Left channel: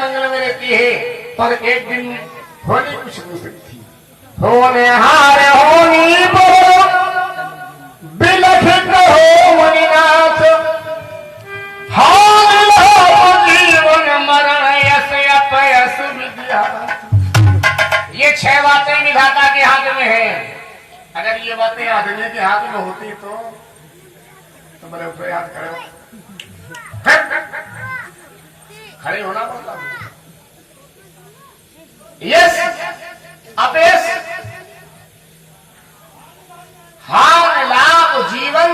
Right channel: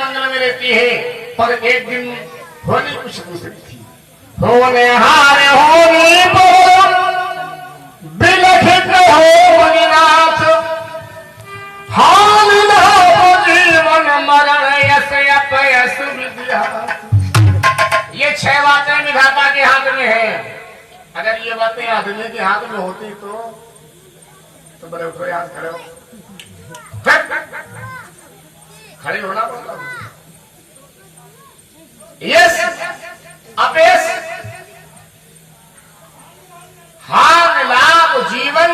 मंगल में रहती है, पर एक दिन होली कुछ दूसरी थी। होने हार होनी बोल बिलखित हो मुनिनाथ, हाल जीवन मरण यश अपयश विद्या। ये 6 बातें विधाता के हाथ में है। अगर ये बातें आदमी के हाथ में होती तो बड़े ऊपर हाथ खड़े हो, खड़े होना पड़ता। यस अपेश, हार लाभ जीवन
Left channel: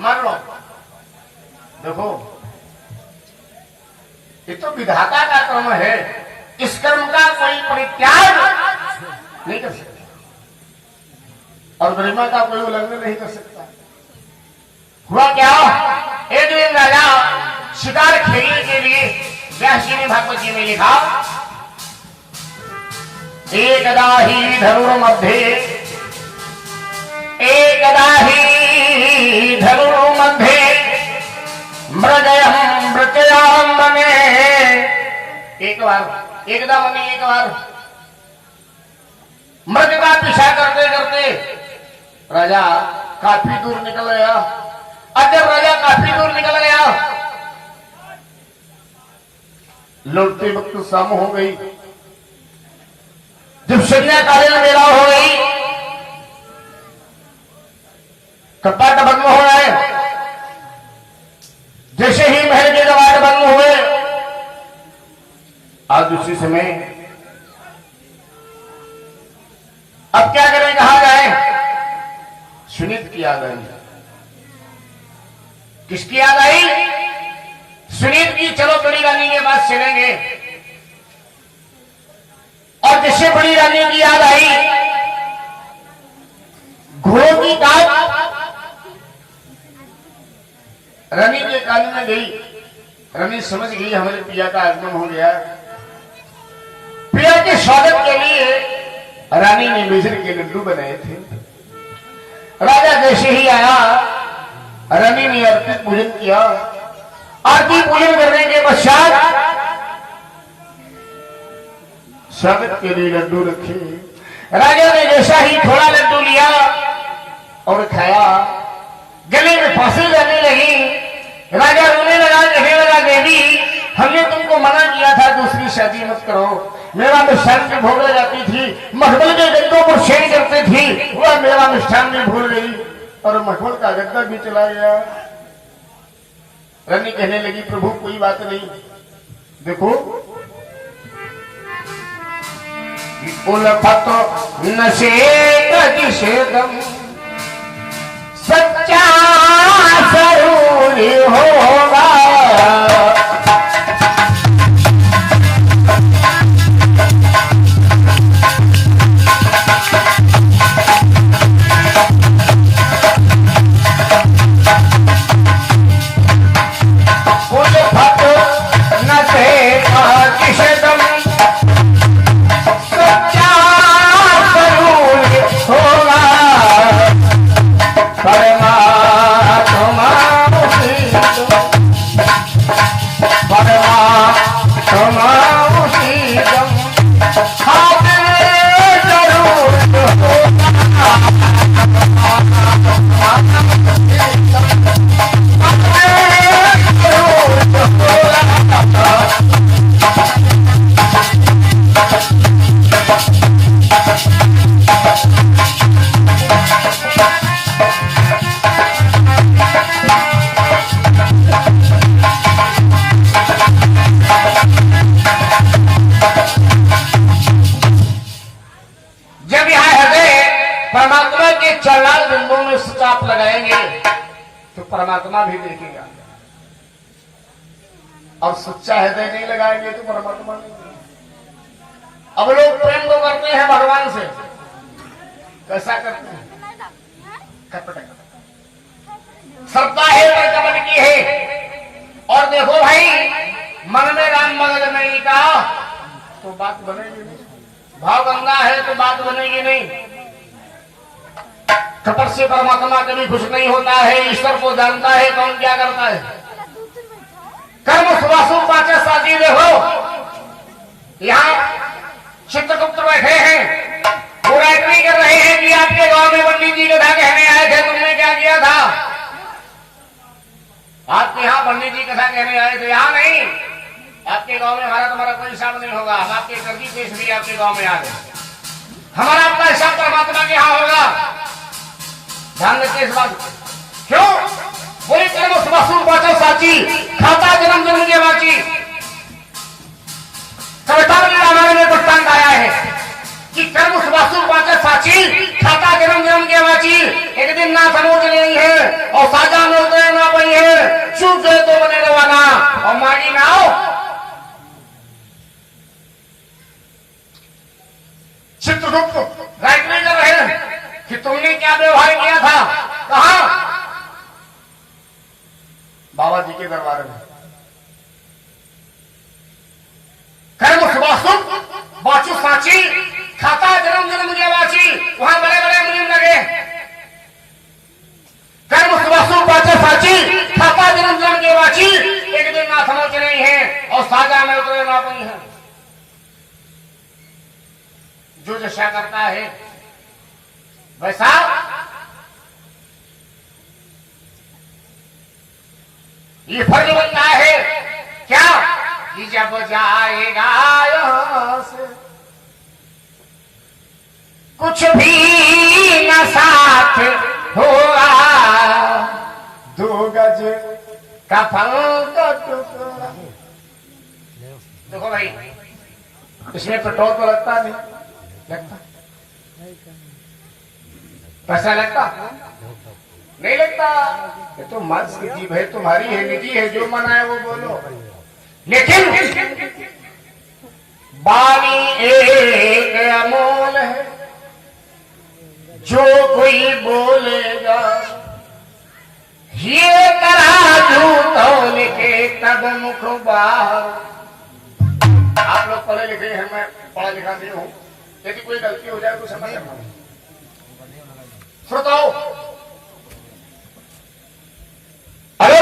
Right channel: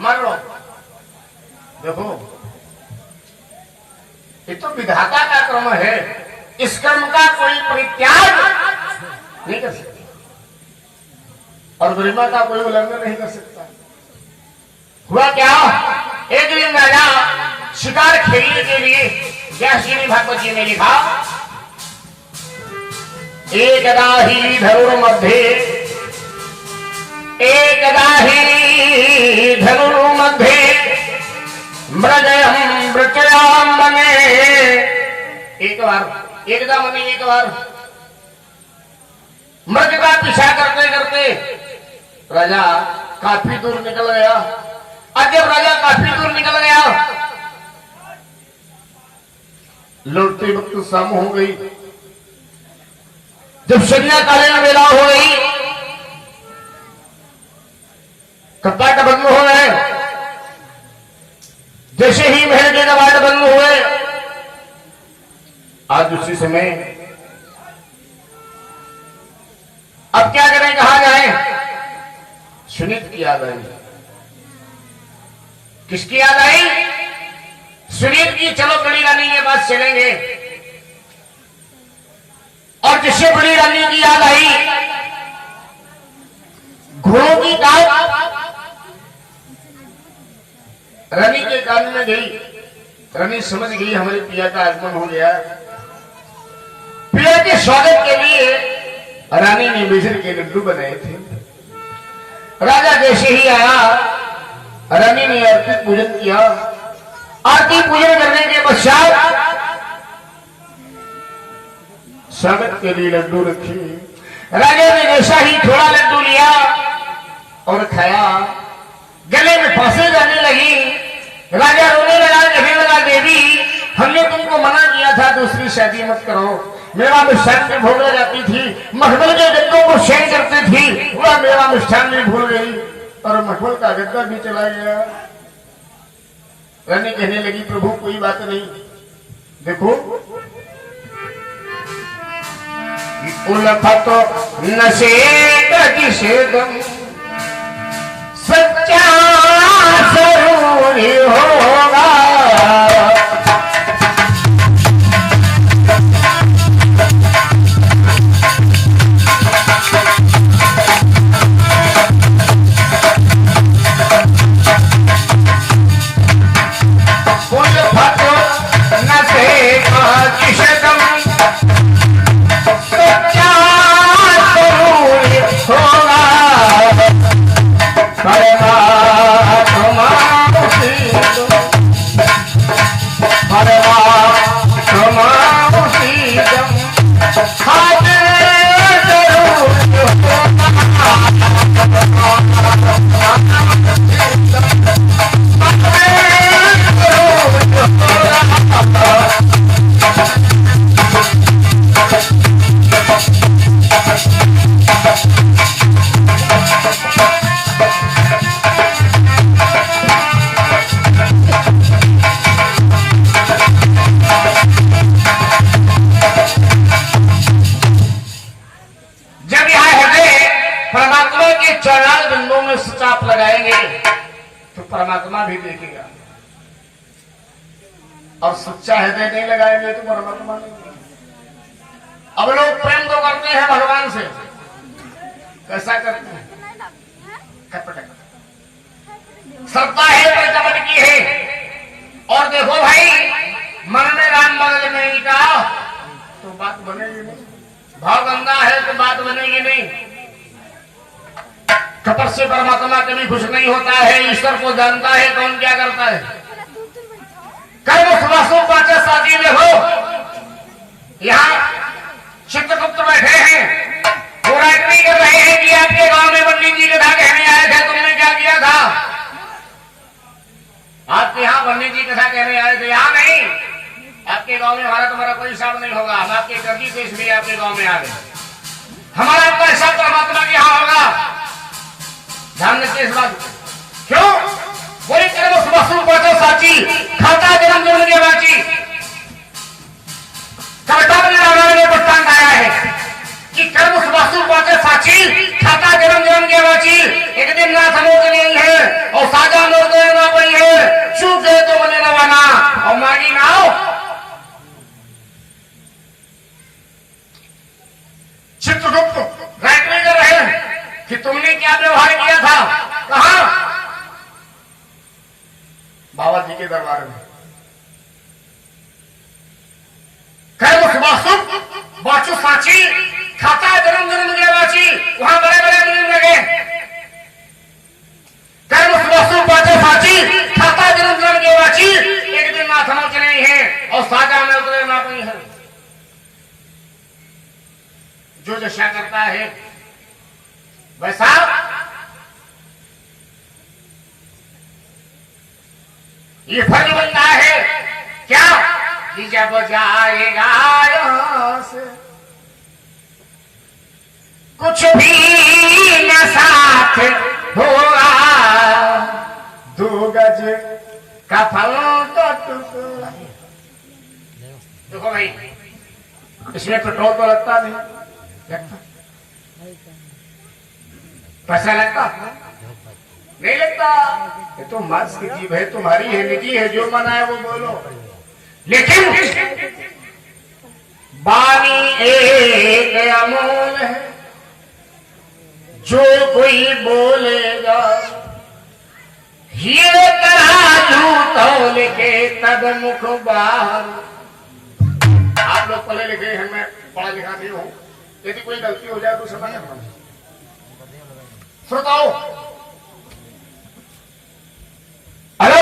मरण। देखो ये तो विधाता का कर्म है, इस कर्म का कोई परित्याग नहीं कर सकता और गरिमा का कोई उल्लंघन नहीं कर सकता। हुआ क्या, एक दिन राजा शिकार खेलने के लिए व्यासजी भागवत जी ने लिखा, एकदा ही धनुर्मध्ये, एकदा ही धनुर्मध्ये मृगयं वृचयां मने। एक बार, एकदा मने एक बार मृग का पीछा करते करते राजा काफी दूर निकल गया। और जब राजा काफी दूर निकल गया, लौटते वक्त शाम हो गई। जब संध्याकालीन मेला हो गई, कपाट बंद हो गए। जैसे ही महल के कपाट बंद हुए, आज उसी समय अब क्या करें, कहा जाए। सुनीत की याद आई। किसकी याद आई? सुनीत की। चलो बड़ी रानी के पास चलेंगे। और जिससे बड़ी रानी की याद आई, घोड़ों की दाल रानी के कान में गई। रानी समझ गई हमारे पिया का आगमन हो गया। पिया के स्वागत के लिए रानी ने बेसन के लड्डू बनाए थे। राजा जैसे ही आया, रानी ने आरती पूजन किया। आरती पूजन करने के पश्चात स्वागत के लिए लड्डू रखे। राजा ने जैसा ही थोड़ा लड्डू लिया और खाया, गले में फांसी जाने लगी। राजा रोने लगा, कहने लगा, देवी हमने तुमको मना किया था दूसरी शादी मत करो। मेरा मिष्ठान भी भूल जाती थी, मखमल के गद्दों को शेर करती थी, वह मेरा मिष्ठान भी भूल गई और मखमल का गद्दा भी चला गया। रानी कहने लगी, प्रभु कोई बात नहीं, देखो उलफा तो नशेदम सच्चा जरूरी होगा। परमात्मा भी देखेगा और सच्चा हृदय नहीं लगाएंगे तो परमात्मा नहीं। अब लोग प्रेम को करते हैं भगवान से, कैसा करते हैं? श्रद्धा है प्रकट की है। और देखो भाई, मन में राम मगज नहीं का तो बात बनेगी नहीं, भाव गंगा है तो बात बनेगी नहीं। कपट से परमात्मा कभी खुश नहीं होता है। ईश्वर को जानता है कौन क्या करता है। कर्म सुभाषों पाचा साजी में हो आपके गांव में हमारा तुम्हारा कोई हिसाब नहीं होगा। हम आपके कर्जी देश भी आपके गांव में आ गए, हमारा आपका हिसाब परमात्मा के यहाँ होगा। ध्यान रखिए इस बात। क्यों बोली कर्म सुबह बातो साची, खाता जन्म जन्म के बाची। कविता में रामायण में दृष्टांत आया है कि कर्म सुबह बातो साची, खाता जन्म जन्म के बाची। एक दिन नाथ अनोट नहीं है और साजा मोर तो ना पड़ी है, चूक गए तो बने रवाना और मांगी ना आओ। चित्रगुप्त राइट कर रहे हैं कि तुमने क्या व्यवहार किया था। कहा? बाबा जी के दरबार में। कर्म सुबह बाचू साची, खाता जन्म जन्म के बाची। वहां बड़े बड़े नियम लगे। कर्म सुबह बाचू साची, खाता जन्म जन्म के बाची। एक दिन नाथ अनोट नहीं है और साजा मेरे को ना पड़ी है। जो दशा करता है वैसा ये फर्ज बनता है क्या कि जब जाएगा यहां से कुछ भी न साथ होगा, 2 गज का फल तो टुकड़ा। देखो भाई, इसमें पेट्रोल तो लगता नहीं, लगता पैसा लगता नहीं लगता। ये तो मार्क्स की जीव है, तुम्हारी है, निजी है, जो मना है वो बोलो। लेकिन बानी एक अमोल है, जो कोई बोलेगा ये तराजू तौल के तब मुख बाहर। आप लोग पढ़े लिखे हैं, मैं पढ़ा लिखा नहीं हूं, यदि कोई गलती हो जाए तो समझ लेना। श्रोताओ, अरे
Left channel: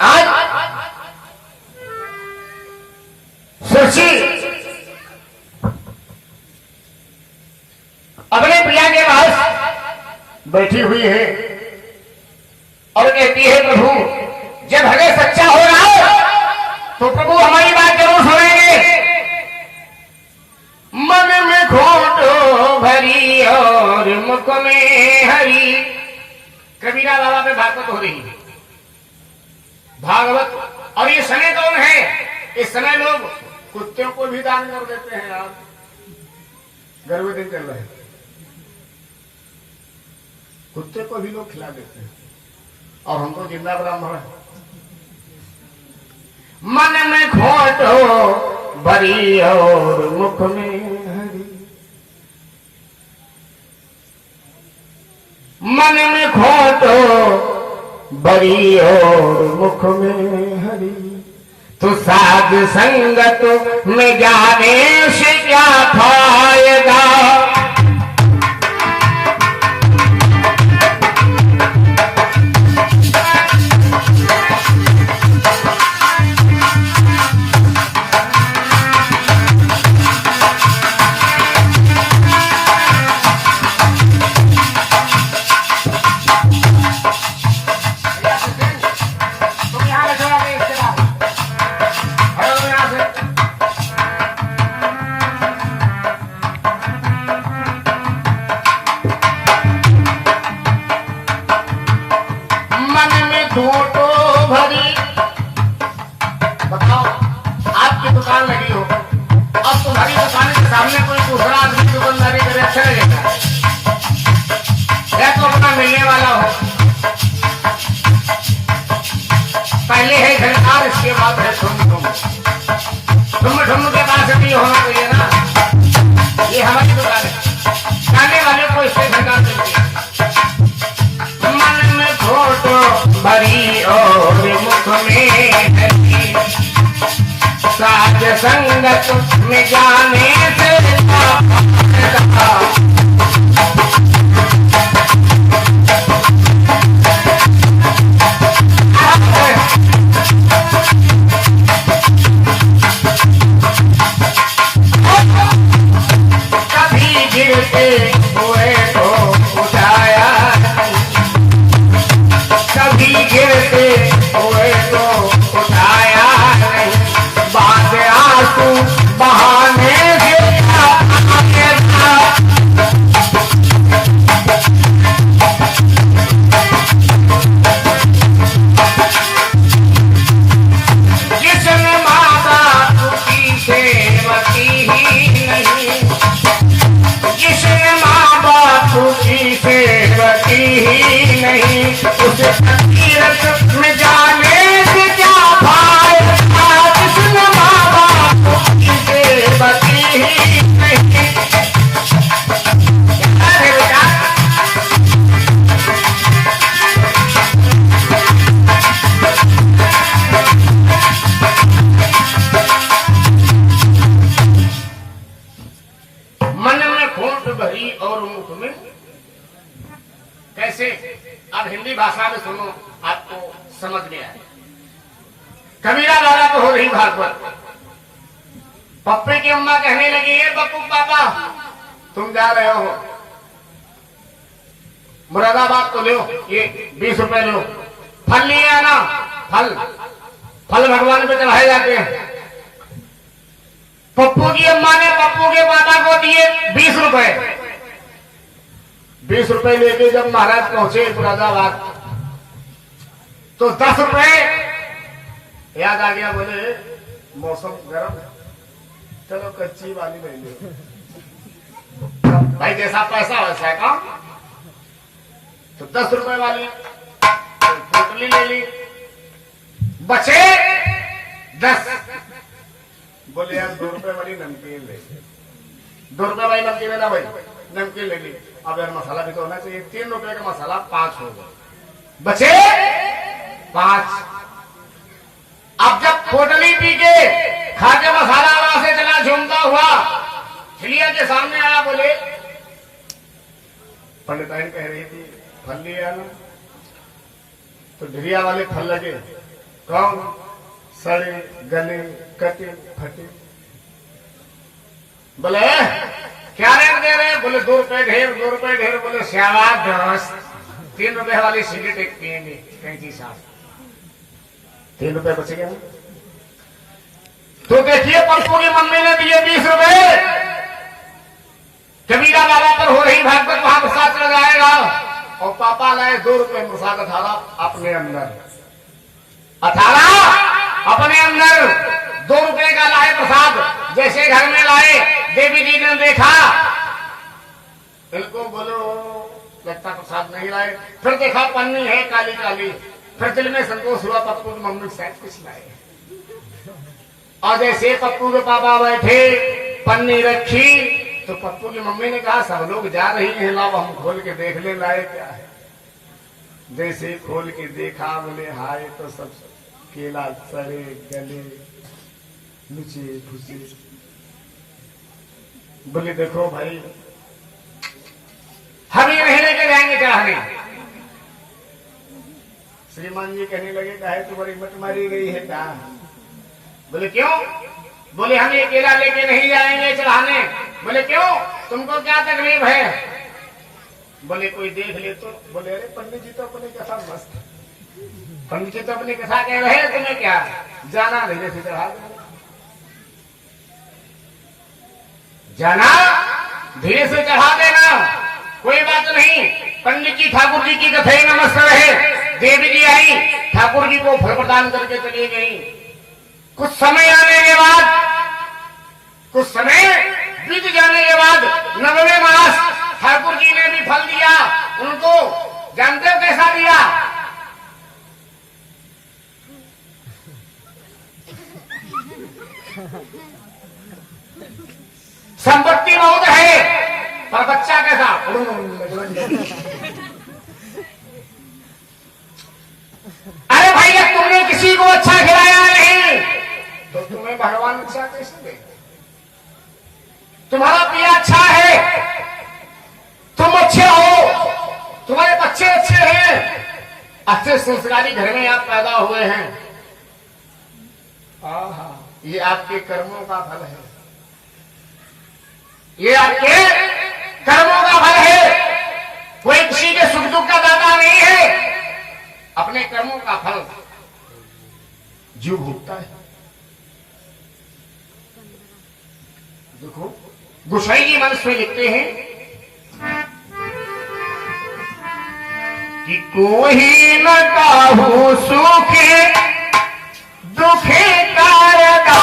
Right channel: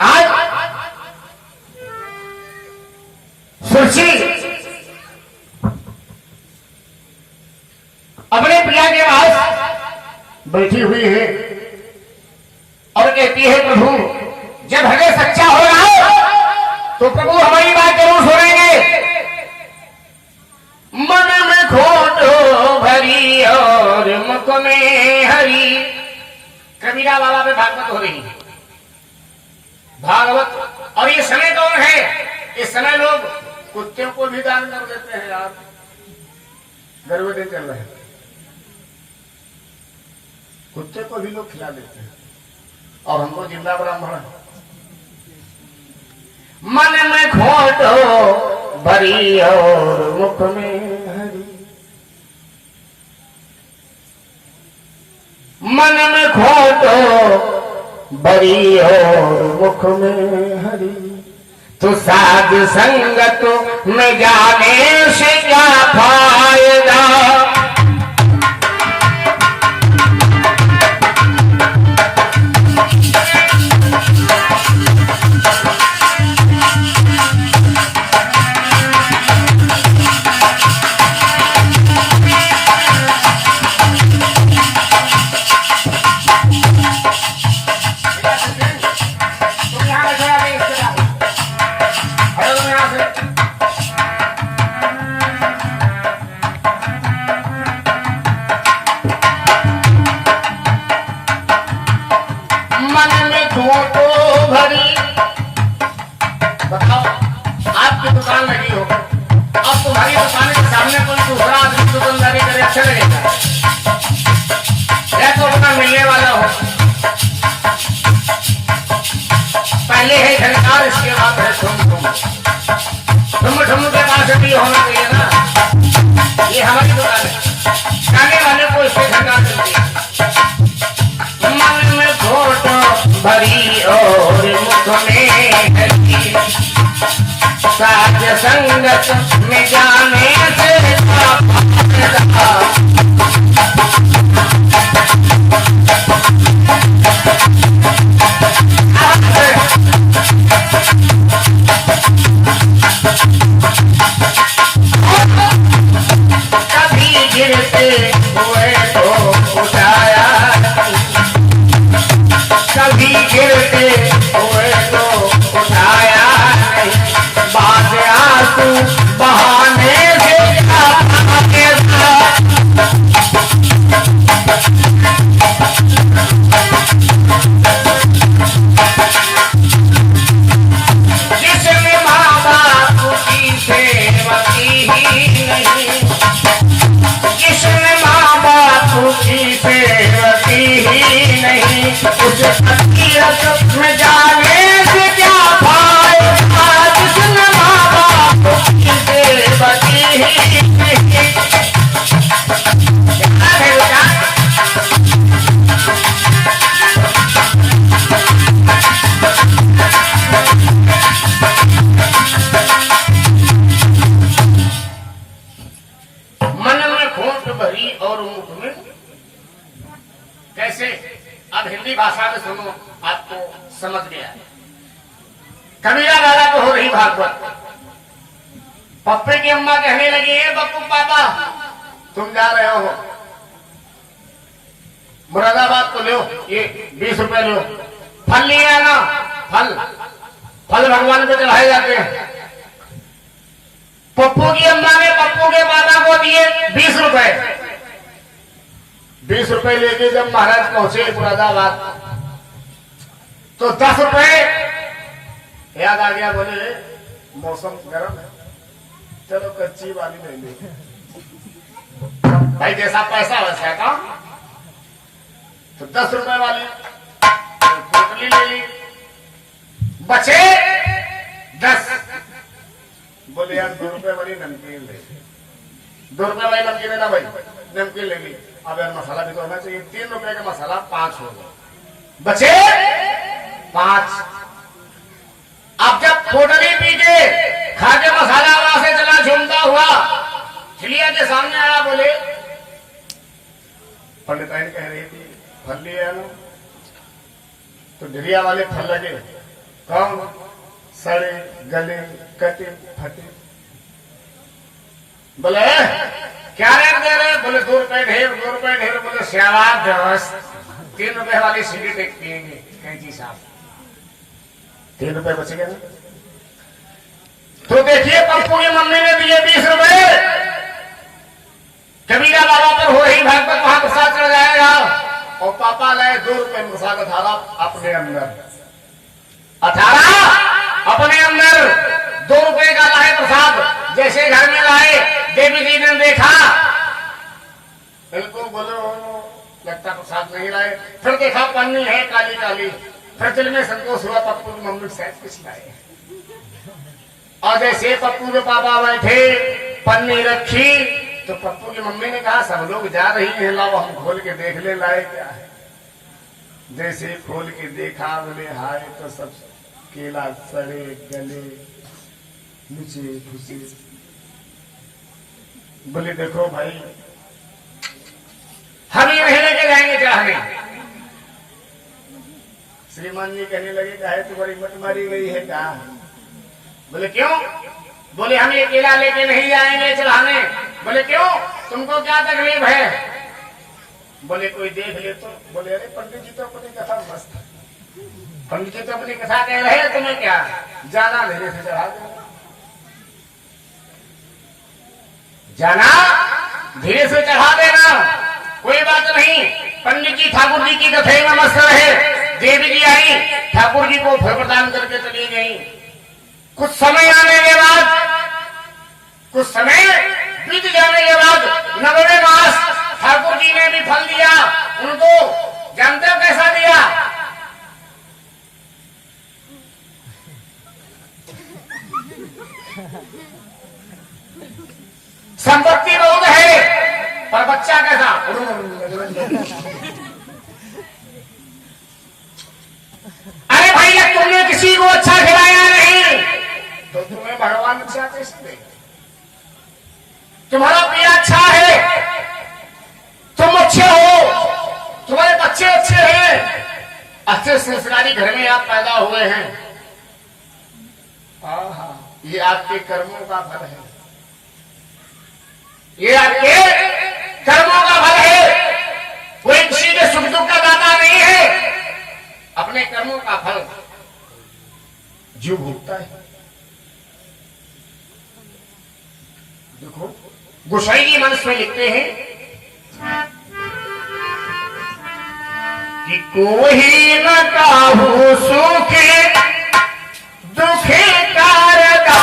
आज सुरची अपने पिया के पास बैठी हुई है और कहती है, प्रभु जब हमें सच्चा हो रहा है तो प्रभु हमारी बात जरूर सुनेंगे। मन में खोटो भरी और मुख में हरी। कबीरा बाबा पे भागवत हो रही है, भागवत। और ये समय कौन है? इस समय लोग कुत्तों को भी दान कर देते हैं यार, गर्व दिन चल रहे हैं, कुत्ते को भी लोग खिला देते हैं और हमको जिंदा ब्राह्मण। मन में खोटो भरी और मुख में हरी, मन में खोटो भरी और मुख में हरी। तो साध संगत में जाने से क्या फायदा, फोटो भरी। बताओ, आपकी दुकान लगी हो, अब तुम्हारी दुकान के सामने कोई दूसरा आदमी दुकानदारी करे, अच्छा लगेगा? या तो अपना मिलने वाला हो। पहले है झनकार, इसके बाद है ठुम ठुम। ठुम ठुम के बाद भी होना चाहिए ना। ये हमारी दुकान है, खाने वाले को इससे झनकार मिलती है। मन में फोटो भरी और मुख में हरी, साथ संगत में जाने से कभी गिरते हुए तो उठाया, बहाने से आगे था। जिसने माँ बाप की सेवा की ही नहीं, जिसने माँ बाप की सेवा की ही नहीं, उस हकीकत में जाने से क्या फायदा। जिसने माँ बाप की सेवा की ही नहीं। मन में खोट भरी और मुख में कैसे। अब हिंदी भाषा में सुनो, आपको समझ गया। कबीरा लाला तो हो रही भागवत। पप्पे की अम्मा कहने लगी, ये पप्पू पापा तुम जा रहे हो मुरादाबाद को लो, ये 20 रुपए लो, फल लिए आना। फल फल भगवान पे चढ़ाए जाते हैं। पप्पू की अम्मा ने पप्पू के पापा को दिए 20 रुपए। 20 रुपए लेके जब महाराज पहुंचे मुरादाबाद तो 10 रुपए याद आ गया। बोले मौसम गर्म है, चलो कच्ची वाली ले ले। भाई जैसा पैसा वैसा काम। तो 10 रुपए वाली पोटली ले ली, बचे 10। बोले यार 2 रुपए वाली नमकीन ले, 2 रुपए वाली नमकीन है ना भाई, नमकीन ले ली। अब यार मसाला भी तो होना चाहिए। 3 रुपए का मसाला 5 हो गया, बचे 5। अब जब पोटली पी के खा के मसाला वहां से चला झूमता हुआ चिड़िया के सामने आया। बोले पंडिताइन कह रही थी फल लिए आना, तो ढिरिया वाले फल लगे। कौन? सड़े गले कटे फटे। बोले क्या रेट दे रहे? बोले 2 रुपए ढेर, 2 रुपए ढेर। बोले श्यावाद दोस्त, 3 रुपए वाली सिगरेट एक पियेंगे कैंची साहब। 3 रुपए बच गए। तो देखिए पप्पू की मम्मी ने दिए 20 रुपए। कबीरा बाबा पर हो रही भागवत वहां गुस्सा चढ़ जाएगा। और पापा लाए 2 रुपए प्रसाद 18 अपने अंदर। 18 अपने अंदर 2 रुपए का लाए प्रसाद। जैसे घर में लाए, देवी जी ने देखा, इनको बोलो लगता प्रसाद नहीं लाए। फिर देखा पन्नी है काली काली। फिर दिल में संतोष हुआ, पप्पू की मम्मी शायद कुछ लाए। और जैसे पप्पू के पापा बैठे, पन्नी रखी, तो पप्पू की मम्मी ने कहा सब लोग जा रही हैं, लाओ हम खोल के देख ले लाए क्या है। जैसे खोल के देखा, बोले हाय तो सब केला सड़े गले नीचे घुसे। बोले देखो भाई हम ये नहीं लेके जाएंगे चढ़ाने। श्रीमान जी कहने लगे काहे तुम्हारी मत मारी गई है क्या? बोले क्यों? बोले हम ये केला लेके नहीं जाएंगे चढ़ाने। बोले क्यों? तुमको क्या तकलीफ है? बोले कोई देख ले तो। बोले अरे पंडित जी तो अपनी कथा मस्त, पंडित जी तो अपनी कथा कह रहे हैं, तुम्हें क्या जाना धीरे से चढ़ा दो। जाना धीरे से चढ़ा देना, कोई बात नहीं। पंडित जी ठाकुर जी की कथा में मस्त रहे। देवी जी आई, ठाकुर जी को फल प्रदान करके चली गई। कुछ समय आने के बाद, कुछ समय बीत जाने के बाद 9वें मास ठाकुर जी ने भी फल दिया उनको। जानते हो कैसा दिया? संपत्ति बहुत है पर बच्चा कैसा? अरे भैया तुमने किसी को अच्छा खिलाया नहीं तो तुम्हें भगवान अच्छा कैसे देंगे? तुम्हारा पिया अच्छा है, तुम अच्छे हो, तुम्हारे बच्चे अच्छे हैं, अच्छे संस्कारी घर में आप पैदा हुए हैं। ये आपके कर्मों का फल है, ये आपके कर्मों का फल है। कोई किसी के सुख दुख का दाता नहीं है, अपने कर्मों का फल जीव भोगता है। देखो गोसाई जी मंत्र में लिखते हैं कि कोई न काहू सुखे दुखे कारदाता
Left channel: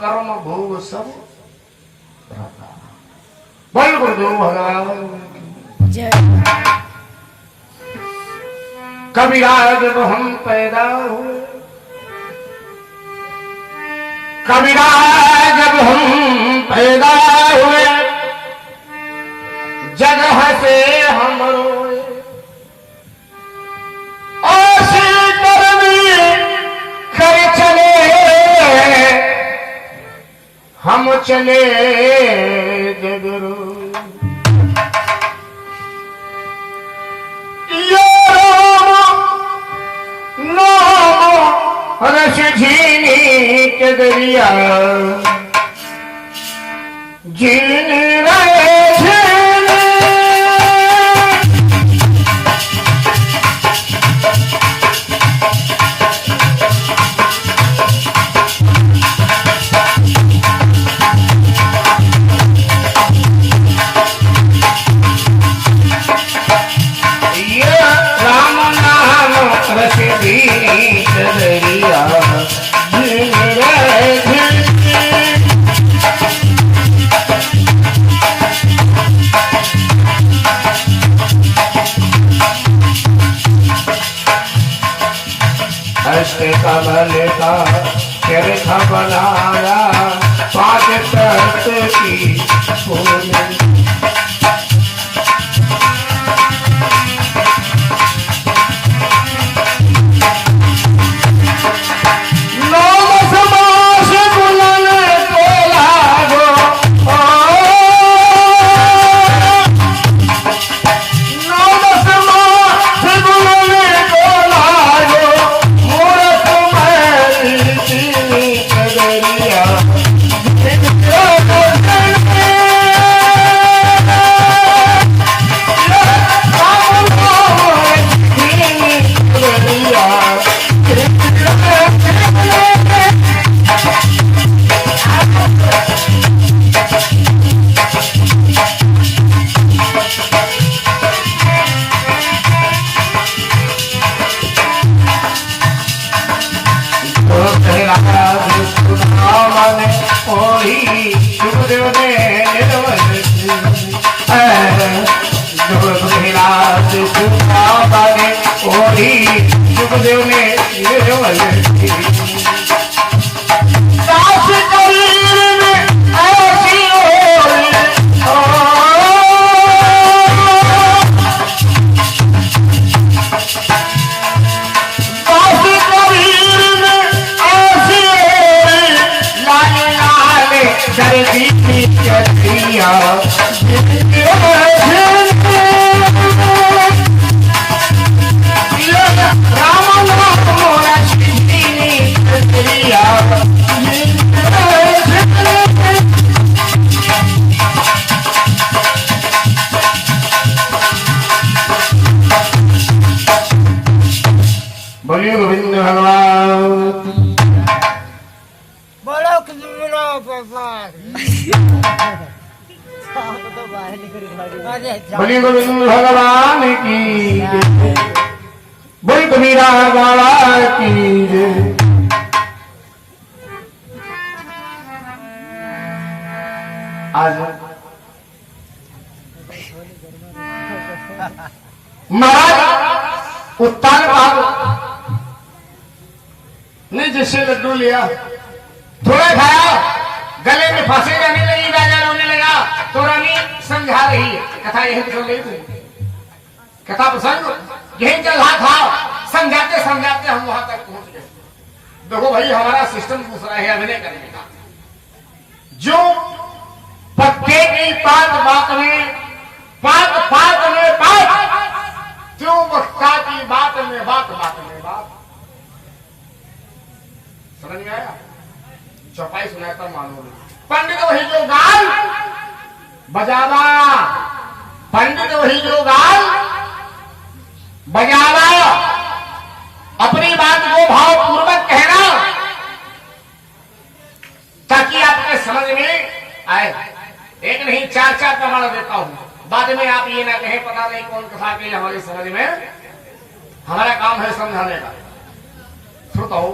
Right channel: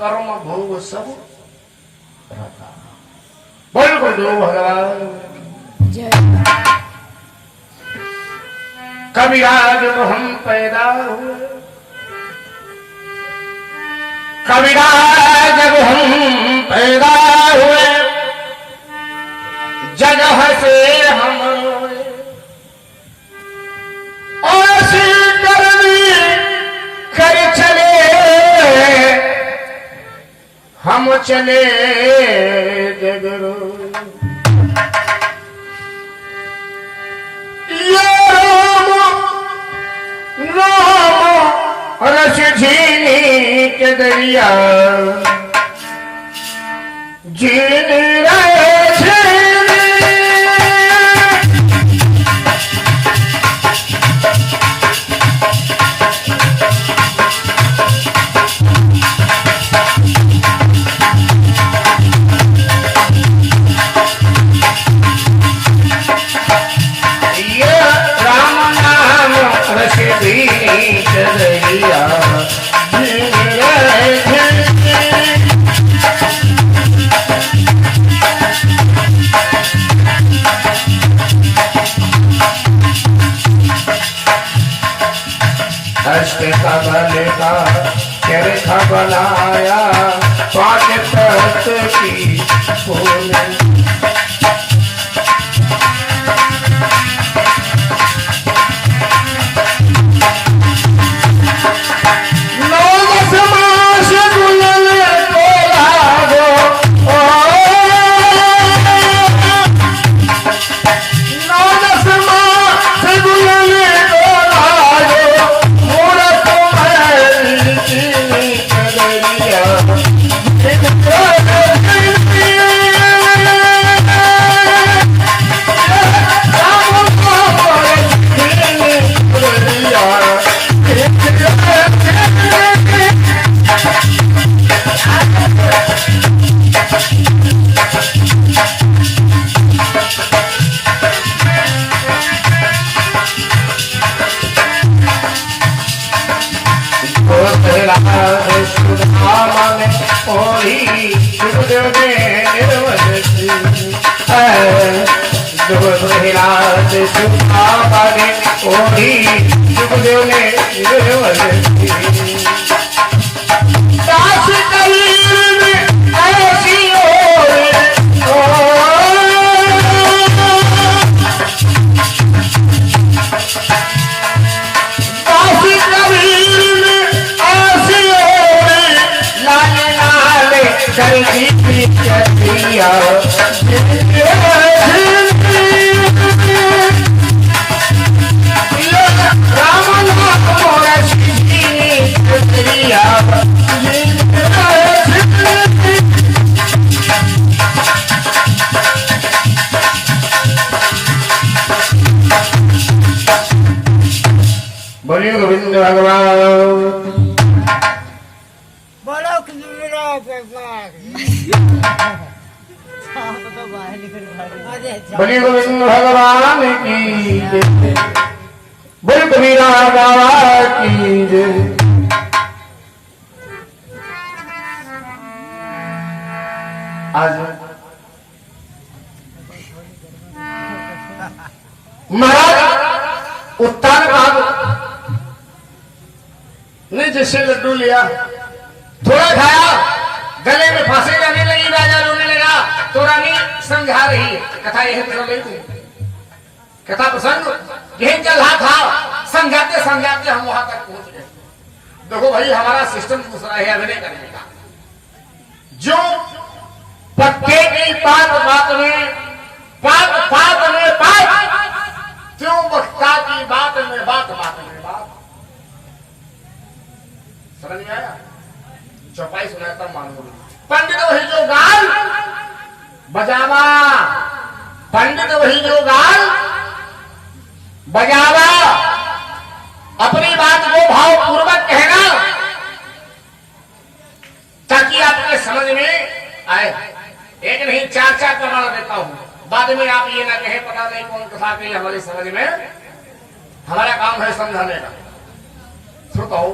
कर्म भोग सब बोल गुरु भगवान कबीरा जब हम पैदा हुए कबीरा जब हम पैदा हुए जगह से हम रोए ऐसी करनी कर चले हम चले जगरो नाम रस झीनी के दरिया झीनी रे झीनी बनाया पांच तत्व की फूल सुखदेव ने बोलिए गोविंद भगवान बोलो कृष्ण भगवान बोलिए गोविंद भगवान की जय बोल कबीरा बाबा की जय आज महाराज उत्तान बाबू ने जिससे लड्डू लिया थोड़ा खाया गले में फांसी जाने लगी राजा रोने लगा तो रानी समझा रही है कथा यही तो ले कथा प्रसंग यही चल रहा था समझाते समझाते हम वहां तक पहुंच गए। देखो भाई, हमारा सिस्टम दूसरा है अभिनय करने का। जो पक्के की बात बात में, बात बात में बात, क्यों वक्ता की बात में बात, बात में बात। समझ में आया? चौपाई सुनाकर मानो। पंडित वही जो गाल बजावा, पंडित वही जो गाल बजावा, अपनी बात को भावपूर्वक कहना ताकि आपके समझ में आए। एक नहीं, चार चार प्रमाण देता हूं, बाद में आप ये ना कहे पता नहीं कौन कहा के हमारी समझ में। हमारा काम है समझाने का। तो कहो,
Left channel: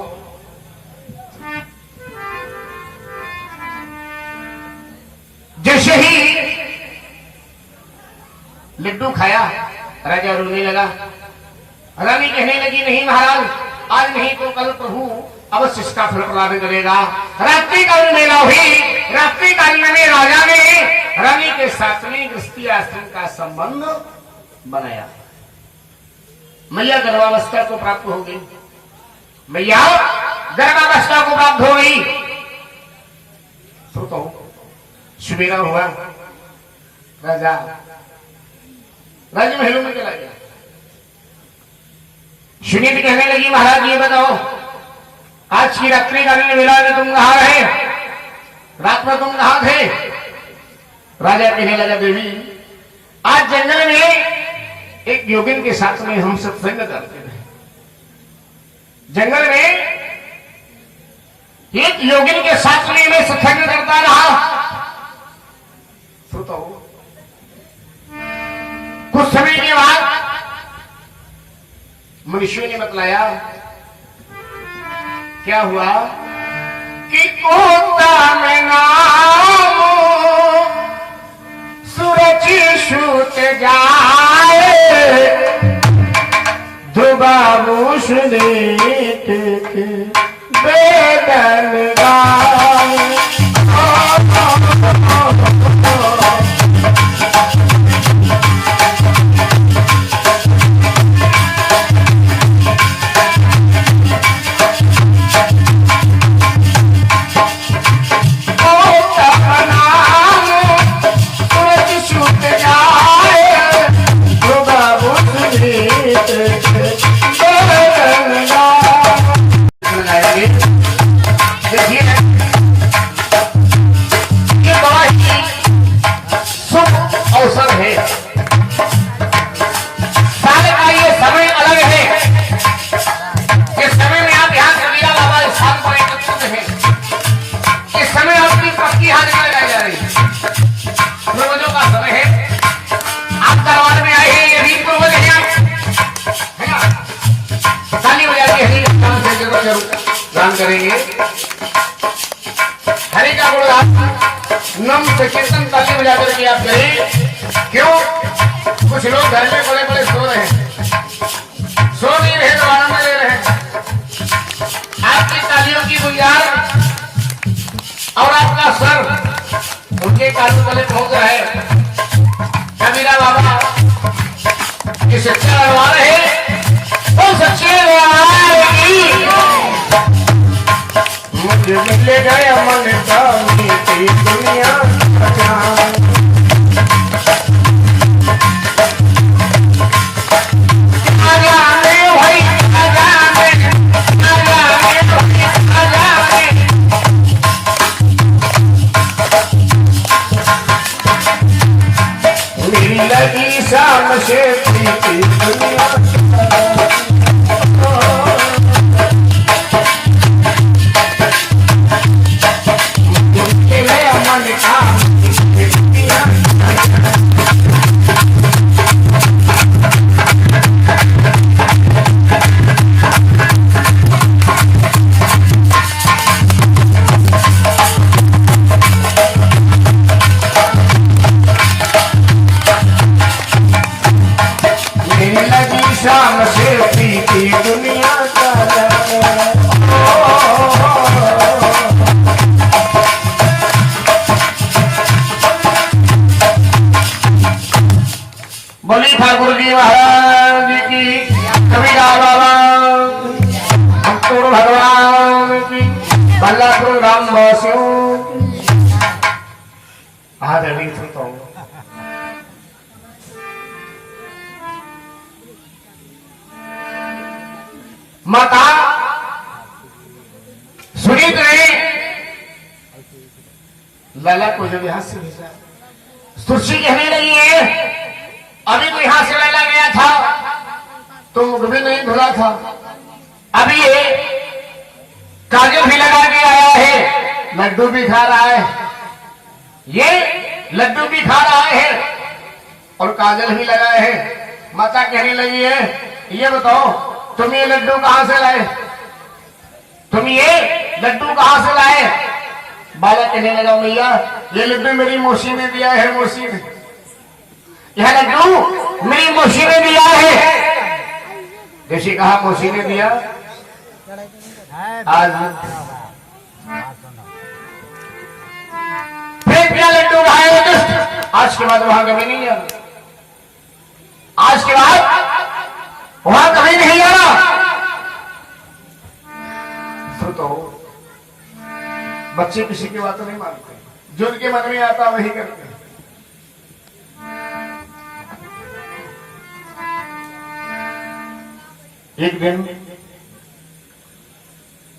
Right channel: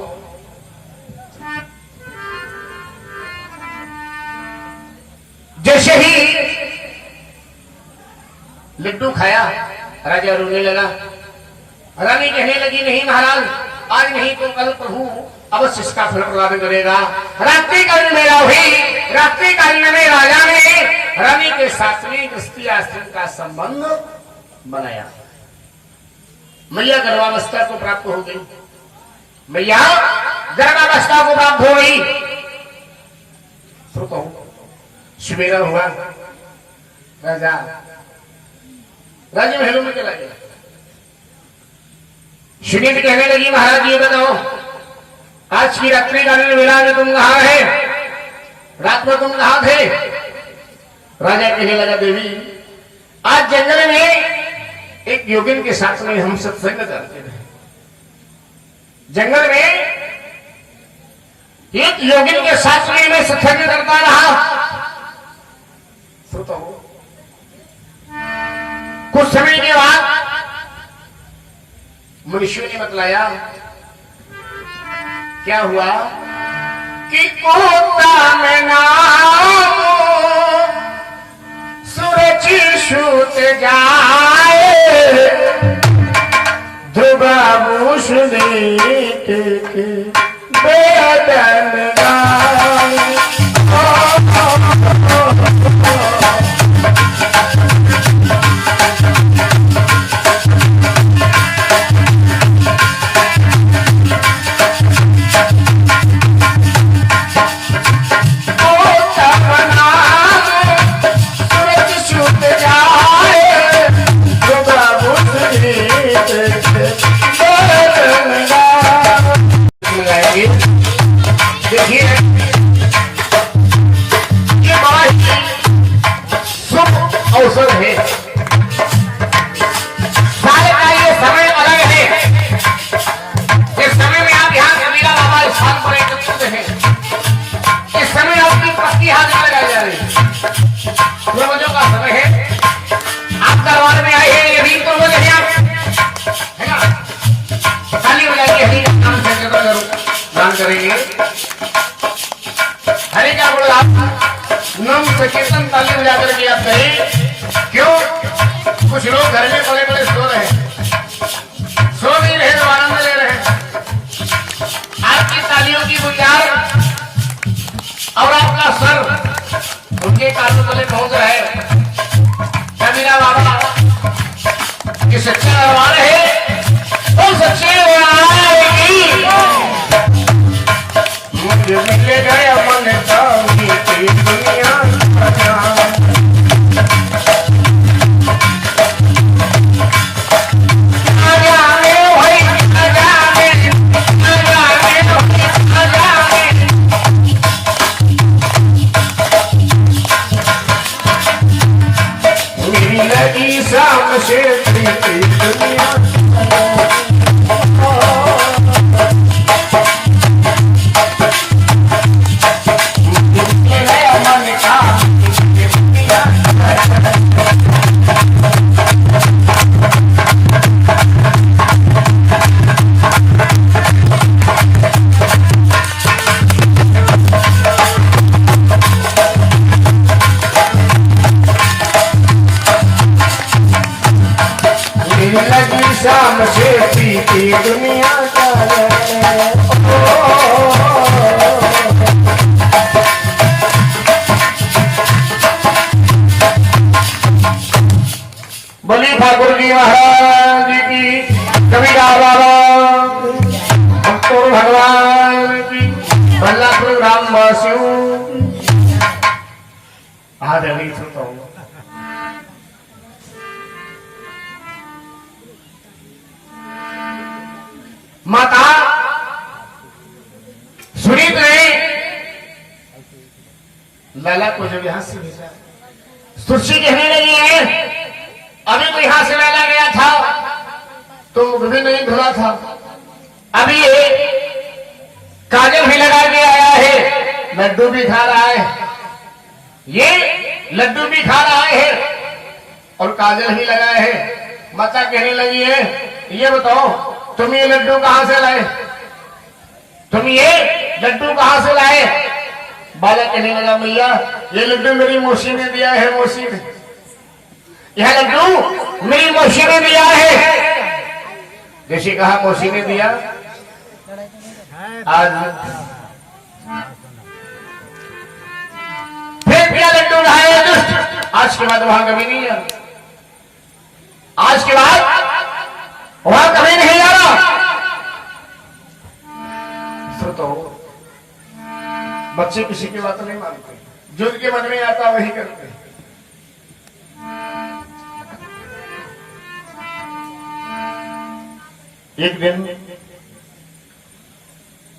जैसे ही लड्डू खाया राजा रोने लगा। रानी कहने लगी, नहीं महाराज, आज नहीं तो कल प्रभु अवश्य इसका फल प्रदान करेगा। रात्रि काल में हुई, रात्रि काल में राजा ने रानी के साथ में गृहस्थी आश्रम का संबंध बनाया। मैया गर्भावस्था को प्राप्त हो गई, मैया गर्भावस्था को प्राप्त हो गई। तो कहो, सवेरा हुआ, राजा महलों में चला गया। सुनीति कहने लगी, महाराज ये बताओ, आज की रात्रि कालीन वेला में तुम कहां रहे? रात में तुम कहां थे? राजा कहने लगा, देवी आज जंगल में एक योगिन के साथ में हम सत्संग करते रहे। जंगल में एक योगिन के साथ में मैं सत्संग करता रहा। तो कुछ समय के बाद मनुष्यों ने बतलाया, क्या हुआ कि कोता में नाम सूरज छूट जाए, दुबाबू सुनीत के बेदन गाए। करेंगे हरि का गुणगान नम सकीर्तन ताली बजा करके आप करें। क्यों? कुछ लोग घर में बड़े बड़े सो रहे हैं, सो नहीं रहे तो आनंद ले रहे हैं। आपकी तालियों की गुंजार और आपका सर उनके कानों तले पहुंच रहा है। कबीरा बाबा ये सच्चे दरबार है, वो सच्चे मुझे मिल गए मन का तेरी दुनिया मेरी लगी शाम से तेरी दुनिया शाम से पीती दुनिया का बोली ठाकुर जी महाराज की। कभी बाबा हमको भगवान की बल्लापुर राम वासियों आज अभी तो माता सुनीत ने लाला को जब यहां से भेजा, सुरक्षी कहने लगी है अभी तो यहां से लाला गया था तो मुख भी नहीं धुला था, अभी ये काजल भी लगा के आया है, लड्डू भी खा रहा है, ये लड्डू भी खा रहा है और काजल भी लगाए है। माता कहने लगी है ये बताओ तुम ये लड्डू कहां से लाए, तुम ये लड्डू कहां से लाए। बालक कहने लगा भैया ये लड्डू मेरी मौसी ने दिया है, मौसी ने यह लड्डू मेरी मौसी ने दिया है। जैसे कहा मौसी ने दिया आज फिर क्या लड्डू खाए दुष्ट, आज के बाद वहां कभी नहीं जाना, आज के बाद वहां कभी नहीं जाना। तो बच्चे किसी की बात नहीं मानते, जो उनके मन में आता वही करते। एक दिन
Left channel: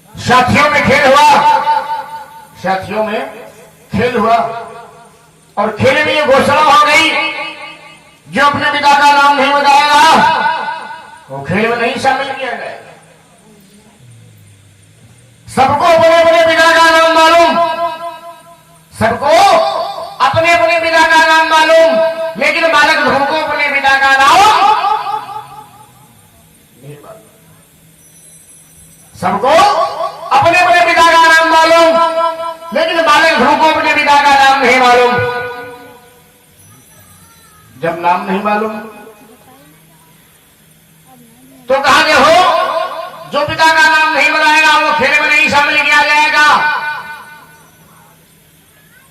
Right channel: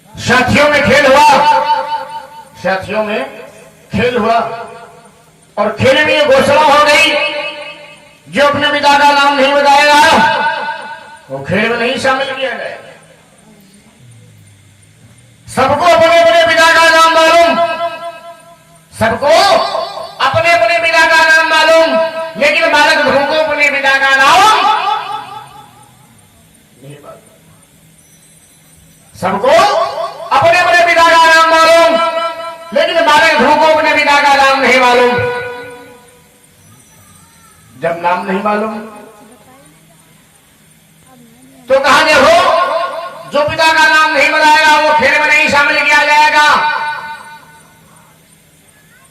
साथियों में खेल हुआ, साथियों में खेल हुआ और खेल में ये घोषणा हो गई जो अपने पिता का नाम नहीं बताएगा वो खेल में नहीं शामिल किया जाएगा। सबको अपने अपने पिता का नाम मालूम, सबको अपने अपने पिता का नाम मालूम, लेकिन बालक ध्रुव को अपने पिता का नाम नहीं मालूम। सबको अपने अपने पिता का नाम मालूम, लेकिन बालक ध्रुव को अपने पिता का नाम नहीं मालूम। जब नाम नहीं मालूम तो कहा देखो जो पिता का नाम नहीं बताएगा वो खेल में नहीं शामिल किया जाएगा।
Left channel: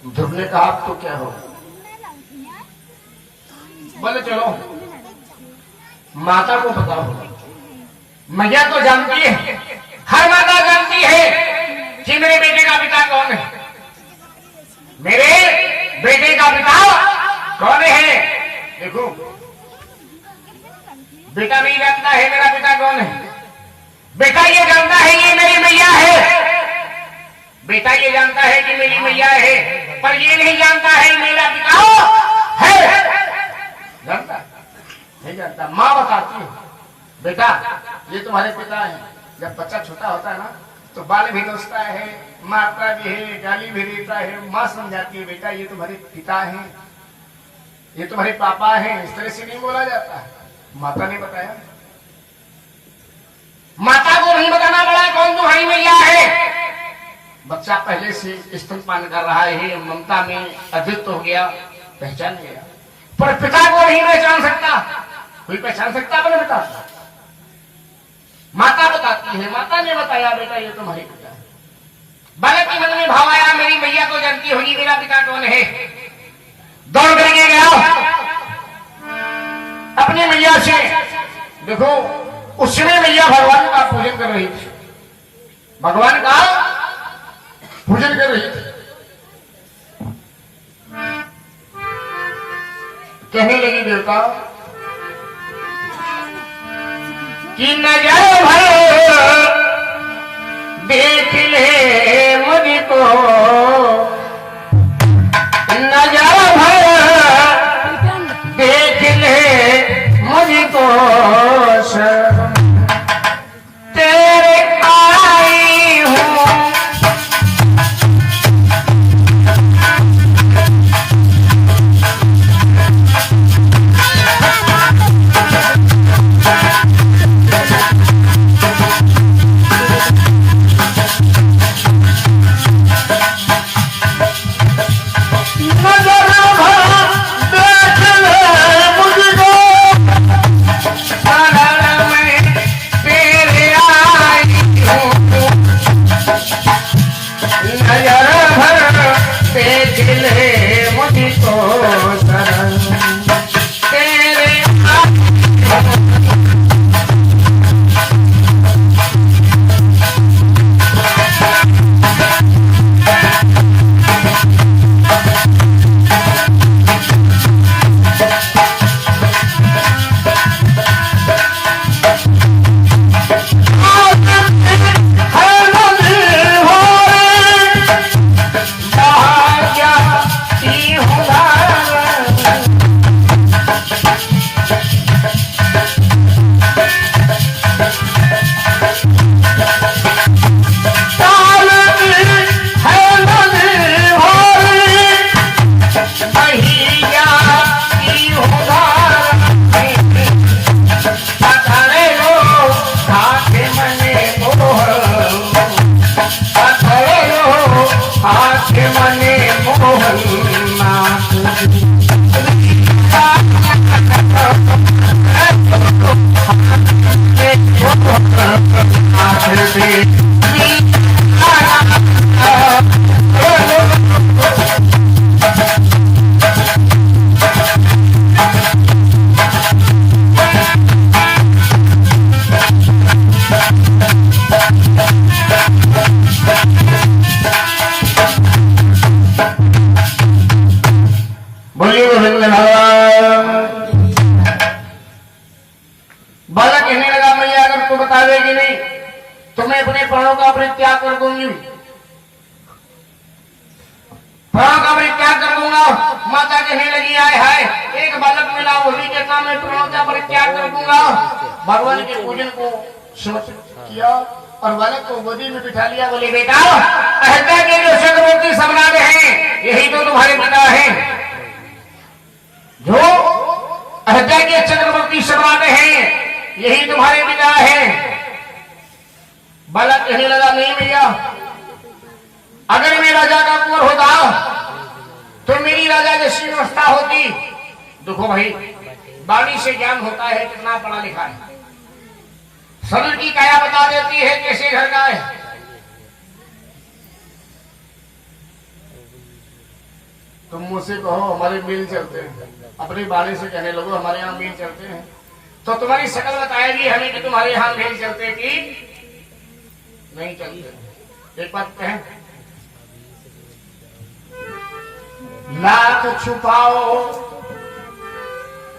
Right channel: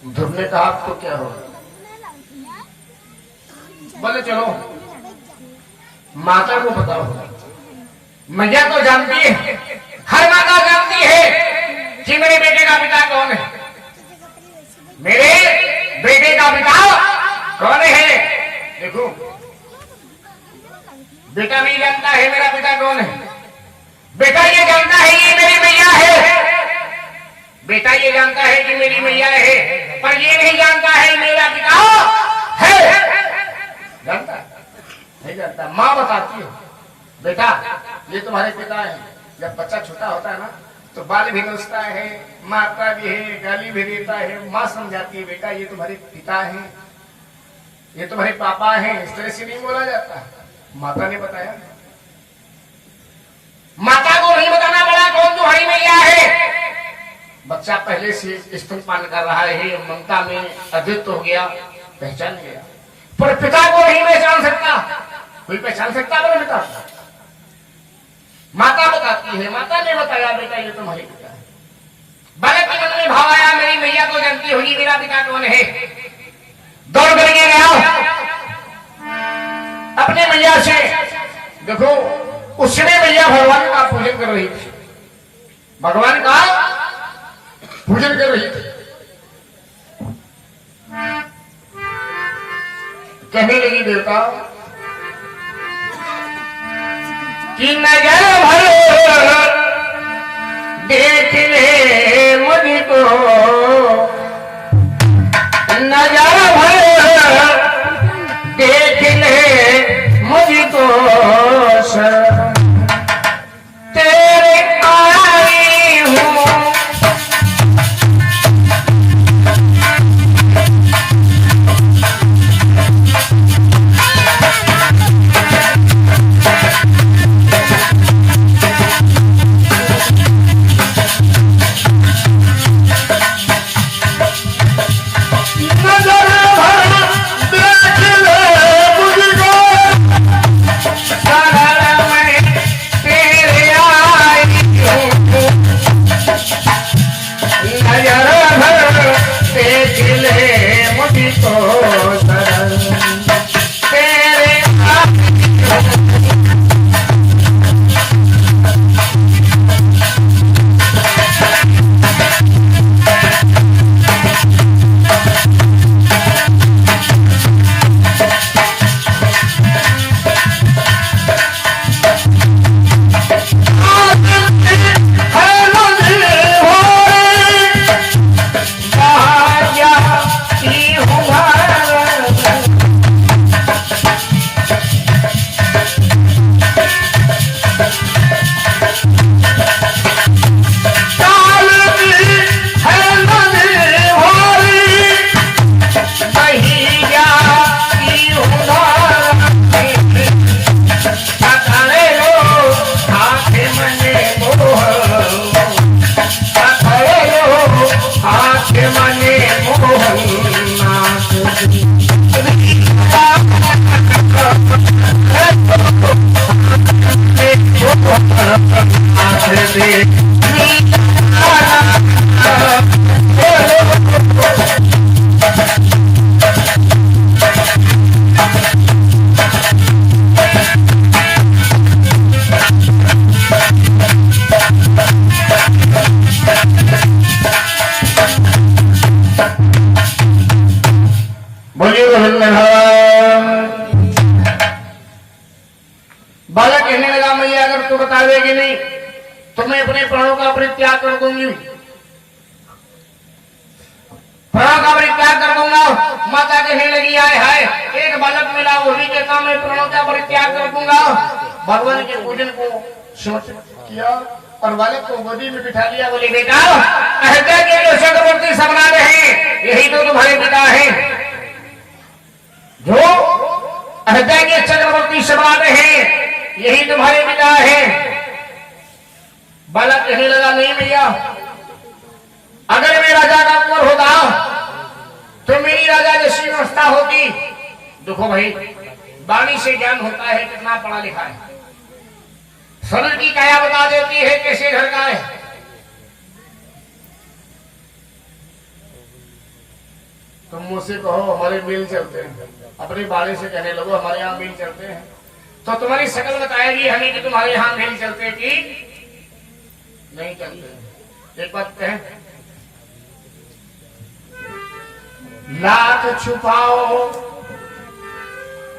ध्रुव ने कहा अब तो क्या होगा, बोले चलो माता को बताओ। मैया तो जानती है, हर माता जानती है कि मेरे बेटे का पिता कौन है, मेरे बेटे का पिता कौन है। देखो बेटा भी जानता है मेरा पिता कौन है, बेटा ये जानता है ये मेरी मैया है, बेटा ये जानता है कि मेरी मैया है, पर ये नहीं जानता है मेरा पिता है। जानता नहीं जानता, माँ बताती है बेटा ये तुम्हारे पिता है। जब बच्चा छोटा होता है ना तो बाल भी नोचता है, मारता भी है, गाली भी देता है, माँ समझाती है बेटा ये तुम्हारे पिता है, ये तुम्हारे पापा है। इस तरह से नहीं बोला जाता, माता ने बताया। माता को नहीं बताना पड़ा कौन तुम्हारी मैया है। बच्चा पहले से स्तनपान कर रहा है, ममता में अद्वित हो गया, पहचान गया, पर पिता को नहीं पहचान सकता। कोई पहचान सकता अपने पिता को? माता बताती है, माता ने बताया बेटा ये तुम्हारे पिता है। बालक के मन में भाव आया मेरी मैया तो जानती होगी मेरा पिता कौन है। दौड़ करके गया अपने मैया से। देखो उस समय मैया भगवान का पूजन कर रही थी, भगवान का पूजन कर रही थी। कहने लगी देवता कि नजर भर देख ले मुझको, नजर भर देख ले मुझको, तेरे आई हूँ। बोलिए गोविंद भगवान। बालक कहने लगा मैया अगर तू बतावेगी नहीं तो मैं अपने प्राणों का परित्याग कर दूंगी, प्राणों का परित्याग कर दूंगा। माता कहने लगी आय हाय एक बालक मिला वही कहता मैं प्राणों का परित्याग कर दूंगा। भगवान के पूजन को समर्पित किया और बालक को गोदी में बिठा लिया। बोले बेटा अहिल्या के जो चक्रवर्ती सम्राट हैं यही तो तुम्हारे पिता हैं, जो अहिल्या के चक्रवर्ती सम्राट हैं यही तुम्हारे पिता हैं। बालक कहने लगा नहीं भैया अगर मैं राजा का कुंवर होता तो मेरी राजा जैसी अवस्था होती। देखो भाई वाणी से ज्ञान होता है कितना पढ़ा लिखा है, सरल की काया बता देती है कैसे घर का है। तुम मुझसे कहो हमारे मिल चलते हैं, अपने बारे से कहने लगो हमारे यहाँ मिल चलते हैं, तो तुम्हारी शकल बताएगी हमें कि तुम्हारे यहाँ मिल चलते कि नहीं चलते। एक बात कहें लाख छुपाओ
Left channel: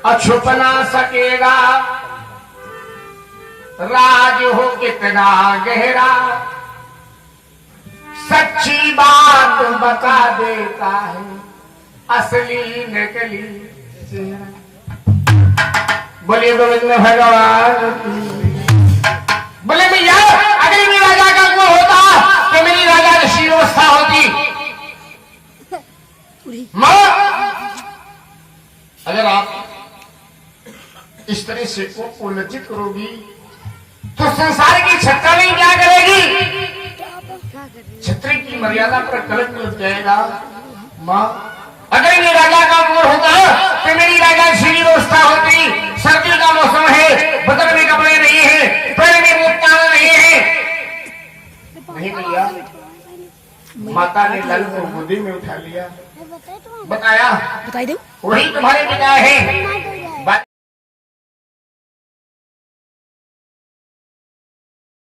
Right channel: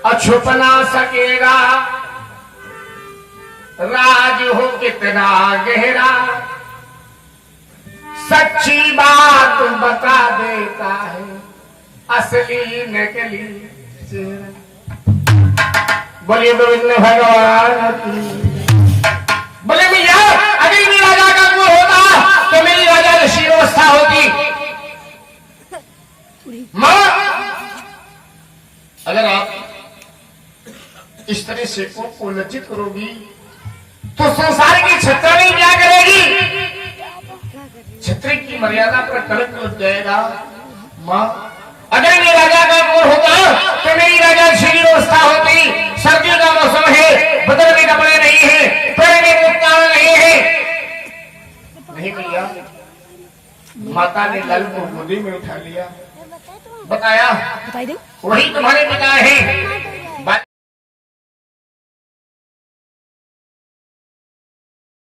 अछुप ना सकेगा, राज हो कितना गहरा सच्ची बात बता देता है असली नकली चेहरा। बोलिए गोविंद भगवान की। बोले भैया अगर मेरी राजा का कुंवर होता तो मेरी राजा जैसी अवस्था होती। मां अगर आप इस तरह से को लज्जित करोगी तो संसार की छत्राणी क्या करेगी? छत्री की मर्यादा पर कलंक लग जाएगा। मां अगर मेरी राजा का कुंवर होता तो मेरी राजा झीली अवस्था होती। सर्दियों का मौसम है, बदन में कपड़े नहीं है, पैर में मुक्ताना नहीं है। नहीं भैया माता ने लाल को गोदी में उठा लिया, बताया बताई दो वही तुम्हारे पिता है।